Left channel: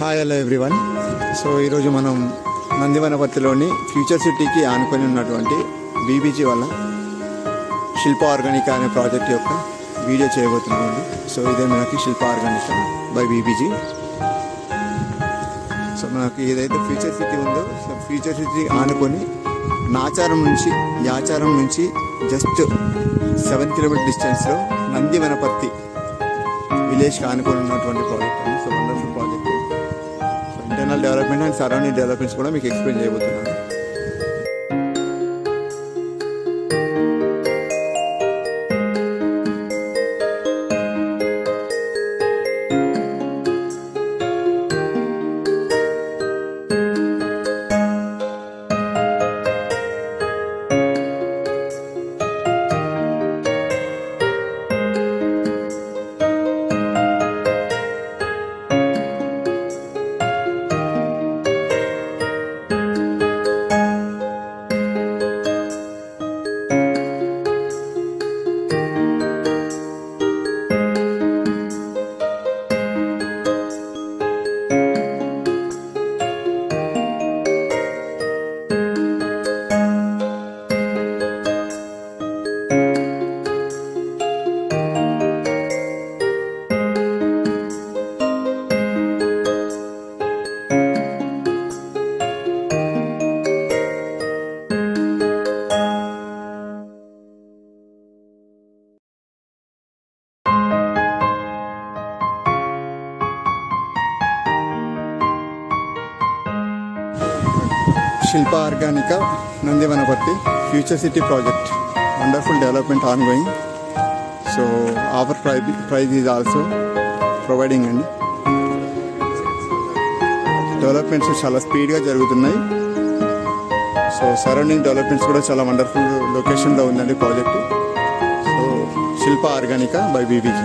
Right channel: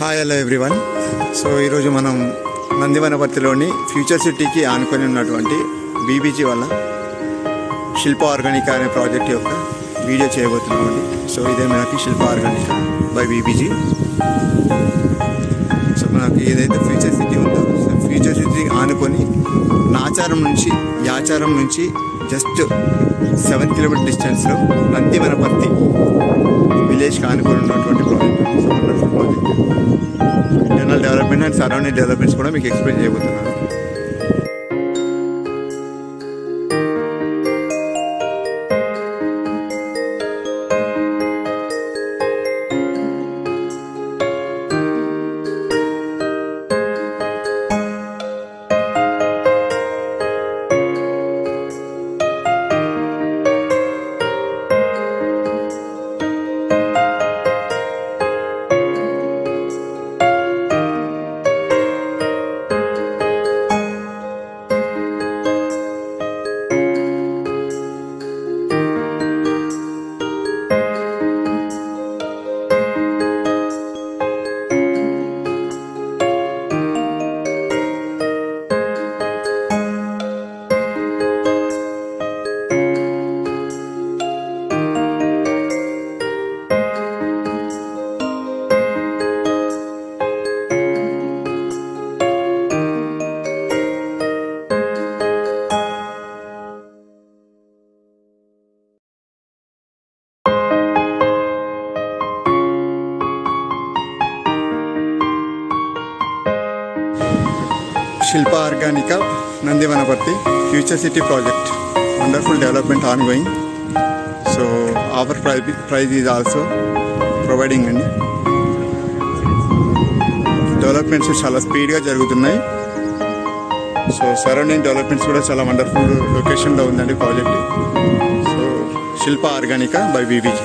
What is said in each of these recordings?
Hi hello everyone. So ఈరోజు మనం నందివనపర్తిలోని future సిటీకి ఆనుకొని ఉన్నటువంటి బీబీజీ వల్ల శిల్ప ఆర్గానికా అనే ప్రాజెక్ట్ యొక్క వీడియో చేయబోతున్నామండి. సో ఇదే మనకి శిల్ప ఆర్గానికా బై బీబీజీ. సో మనకి ఏదైతే ఫ్యూచర్ సిటీ ఉందో ఫ్యూచర్ సిటీ ఆనుకొని నాచారం నుంచి యాచారం నుంచి జస్ట్ 7 కిలోమీటర్ డిస్టెన్స్లో నందివనపర్తి విలేజ్కి ఆనుకొని ఉన్నటువంటి project. So wonderful project. Internal development and surrounding developments కూడా మీకు ఎక్స్ప్లెయిన్ చేయబోతున్నాను. Shilpa Organica Nandivanaparthi future city project wonderful development ongoing. So offer price is also providing అండి. డెవలప్మెంట్స్ చాలా స్పీడ్గా జరుగుతున్నాయి. సో సరౌండింగ్ డెవలప్మెంట్స్ కూడా చాలా వండర్ఫుల్ లొకేషన్లో ఉందండి project. So Shilpa Organica by BBG.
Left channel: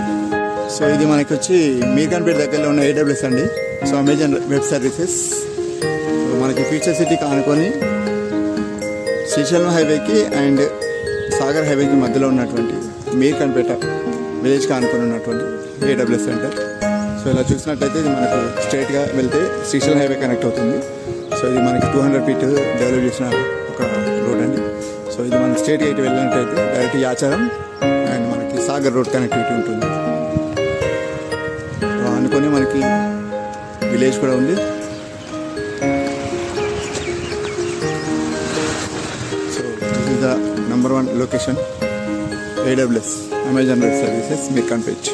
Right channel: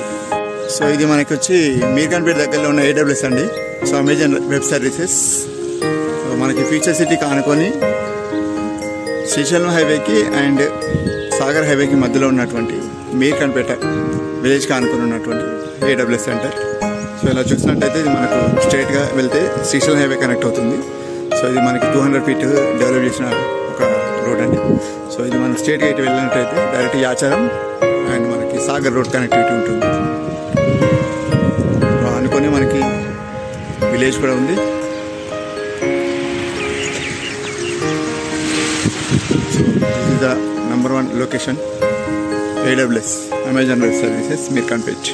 So ఇది మనకి వచ్చి మీర్ఖాన్పేట దగ్గరలో ఉన్న AWS అండి. So Amazon web services. మనకి ఫ్యూచర్ సిటీకి ఆనుకొని శ్రీశైలం హైవేకి అండ్ సాగర్ హైవేకి మధ్యలో ఉన్నటువంటి మీర్ఖాన్పేట విలేజ్కి ఆనుకొని ఉన్నటువంటి AWS సెంటర్. సో ఇలా చూసినట్టయితే ఇది మనకు స్ట్రైట్గా వెళ్తే శ్రీశైలం హైవే కనెక్ట్ అవుతుంది. సో ఇది మనకి 200 ఫీట్ డెవలప్ చేసిన ఒక రోడ్ అండి. సో ఇది మనకి స్ట్రైట్గా ఇటు వెళ్ళినట్టయితే డైరెక్ట్ యాచారం అండ్ మనకి సాగర్ రోడ్ కనెక్టివిటీ ఉంటుంది. అనుకొని మనకి విలేజ్ కూడా ఉంది. So this is the number 1 location, AWS, Amazon Web Services, Mirkanpet.